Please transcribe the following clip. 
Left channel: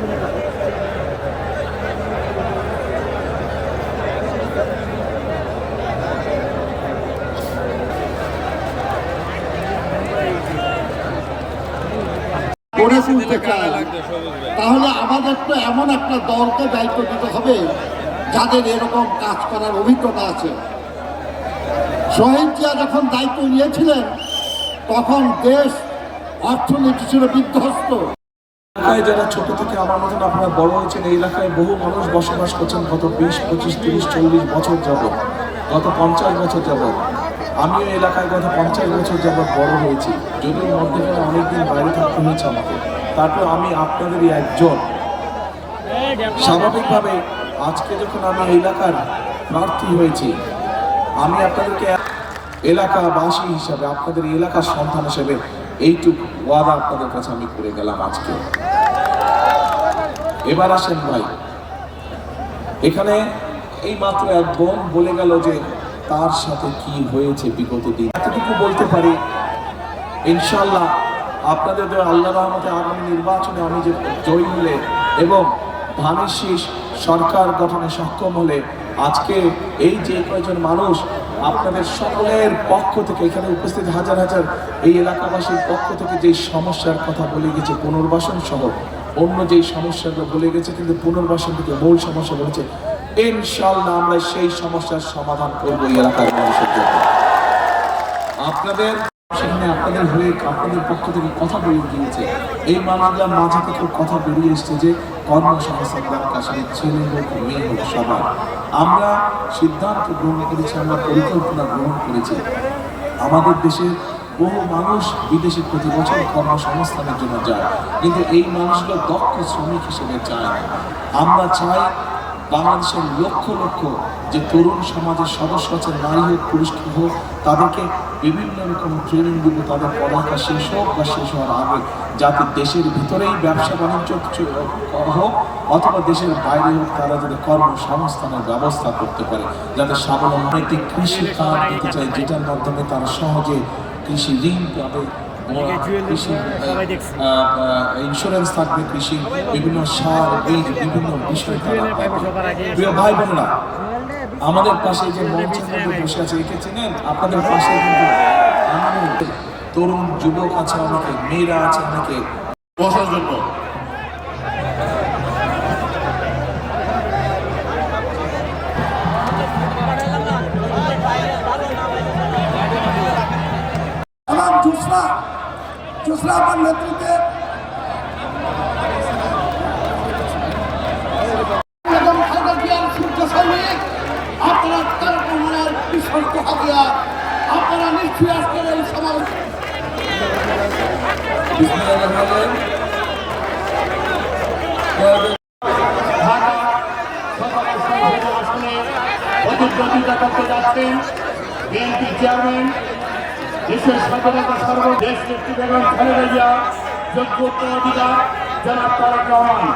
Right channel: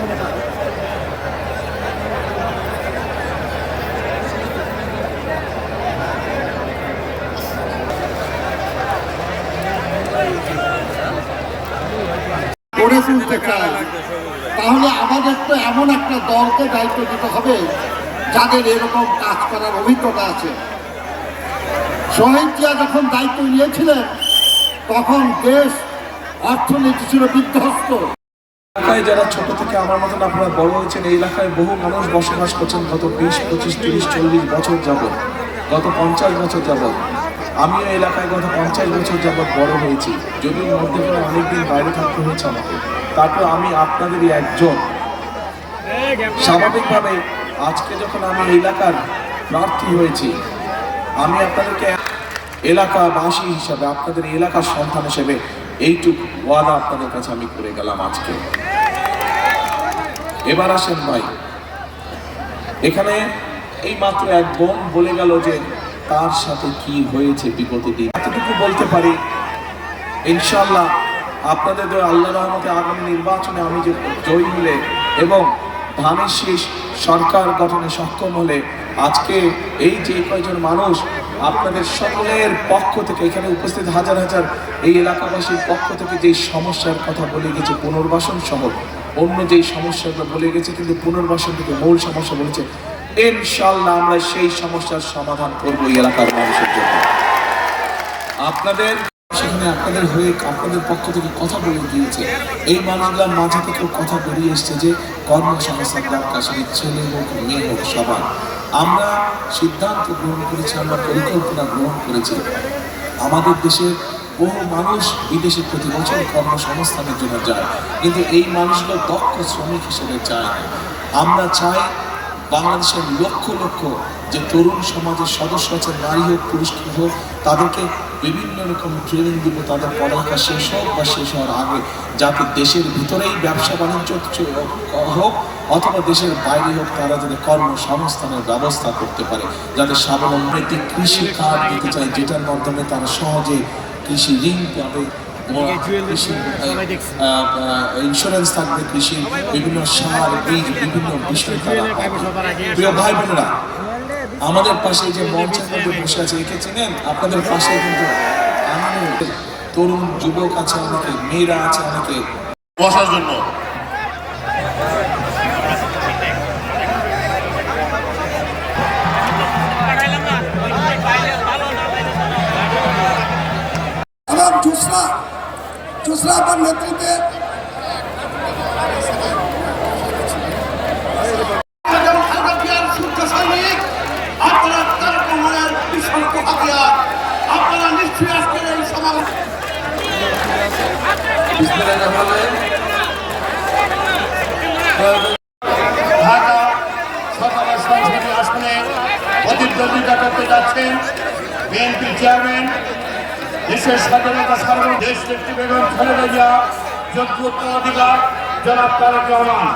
গড়ে তুলতে চাই, তাহলে আমাদের তো এমন একটা দলকে দায়িত্ব দিতে হবে যাদের এরকম কাজ করার অভিজ্ঞতা আছে। শহীদ জিয়া যখন দায়িত্ব নিয়েছিলেন তখন দেশ অর্থনীতি ছিল বিধ্বস্ত। এলাকায় যারা ছোট থেকে আমার মতন আপনারা বড় হয়েছেন, এই এলাকায় বহু মানুষ বসবাস করছেন গত 20, 25, 30, 40 বছর যাবৎ, গত 50 বছর যাবৎ। আমিও এলাকায় গত 50 বছর যাবৎ বড় হয়েছি, যদিও মধ্যখানে অনেকদিন বাইরে থাকতে হয়েছে আমাকে। তারপর আমি আপনাদেরই একজন। স্বাভাবিকভাবে আজকে যখন আমি এলাকার প্রার্থী হয়েছি, আমি আপনাদেরকে এলাকাবাসী হিসাবে, আপনাদের এলাকার সন্তান হিসেবে এইটুকু ওয়াদা আপনাদের কাছে আমি করে গেলাম আজকে। এবার আসেন ভাই, এখানে এই মাত্র এক বোন বলে গেল যে তার সাথে কি হয়েছে বিগত দিন। এতটুকু বলতে পারি, ইনশাল্লাহ আপনাদের আল্লাহ রহমতে আগামী নির্বাচনে আমি যে জয়ী হলে এবং ধানের শীষ সরকার গঠনে সক্ষম হলে, আজকে এই যে কয়জন মানুষ আপনাদের সকলের পক্ষ থেকে, এখানে উপস্থিত হাজার হাজার এই এলাকাবাসীর পক্ষ থেকে যেই সমস্যার কথা বলে গেছে, পুনর্বাসন সহ অন্য যেই সমস্যাগুলো বলে গেছে, কিন্তু পুনর্বাসন থেকে মূল সমস্যা বলেছে, ইনশাআল্লাহ আমরা সেই সমস্যার সমাধান করবো এই এলাকার মানুষের জন্য। আপনাদের সেখানে আপনাদের হয়ে আপনাদের পক্ষ থেকে কথা বলে গিয়েছে, এই মানুষগুলোর মাঝে থেকে কথা বেরিয়ে এসছে যে কর্মসংস্থান দরকার, সেটা ছেলে হোক মেয়ে হোক সবার। আমরা সিদ্ধান্ত গ্রহণ করেছি, আমরা পরিকল্পনা গ্রহণ করেছি। আমাদের দেশে বহু মানুষ বিদেশে প্রতি বছর কর্মসংস্থানের জন্য যায়, কিন্তু এই মানুষগুলো দক্ষ শ্রমিক হিসেবে চায় না। আমরা চাই বাংলাদেশের লক্ষ লক্ষ যে তরুণ সমাজের সদস্য আছেন, নারী হোক পুরুষ হোক, তাদেরকে বিভিন্ন রকম ট্রেনিং দিব, তাদের পড়ালেখা শেষ হোক বা শেষ হওয়ার আগে, যাতে দেশের ভিতরেই ব্যবসা বাণিজ্য হোক অথবা দেশের বাইরে হোক, তারা যাতে কর্মসংস্থানের ব্যবস্থা করতে পারে, যাতে স্বাবলম্বী কৃষি কার্ড দিতে চাই, যেটার মাধ্যমে তারা সহজে কৃষি ঋণ পাবে, কৃষি ইন্স্যুরেন্স থাকবে, কৃষি বিভিন্ন সার বীজ বিভিন্ন বিষয় তারা পাবে। প্রিয় ভাই বোনেরা, আমাদের পাশে যে মঞ্চের মধ্যে বসে আছে, একে চেনেন? আপনাদের পাশে কিন্তু তরুণ যুবক আছে অনেকে, মেয়েরা আছে অনেকে বসার জন্য। এবং জুসরা নেতৃত্বে আপনারা তারেক রহমানের বিশ্বস্ত হাতিয়ার, আপনারা নিশ্চয়ই আজকের এই সমাবেশ ঢাকা সরকারের সংসদীয় আসনে প্রতিদ্বন্দ্বিতা করতে যাচ্ছেন বিএনপি চেয়ারম্যান, দেশের স্বাধীনতা সার্বভৌম দেশ নেত্রী বেগম খালেদা জিয়া, যোগ্য উত্তরাধিকার জনাব তারেক রহমান।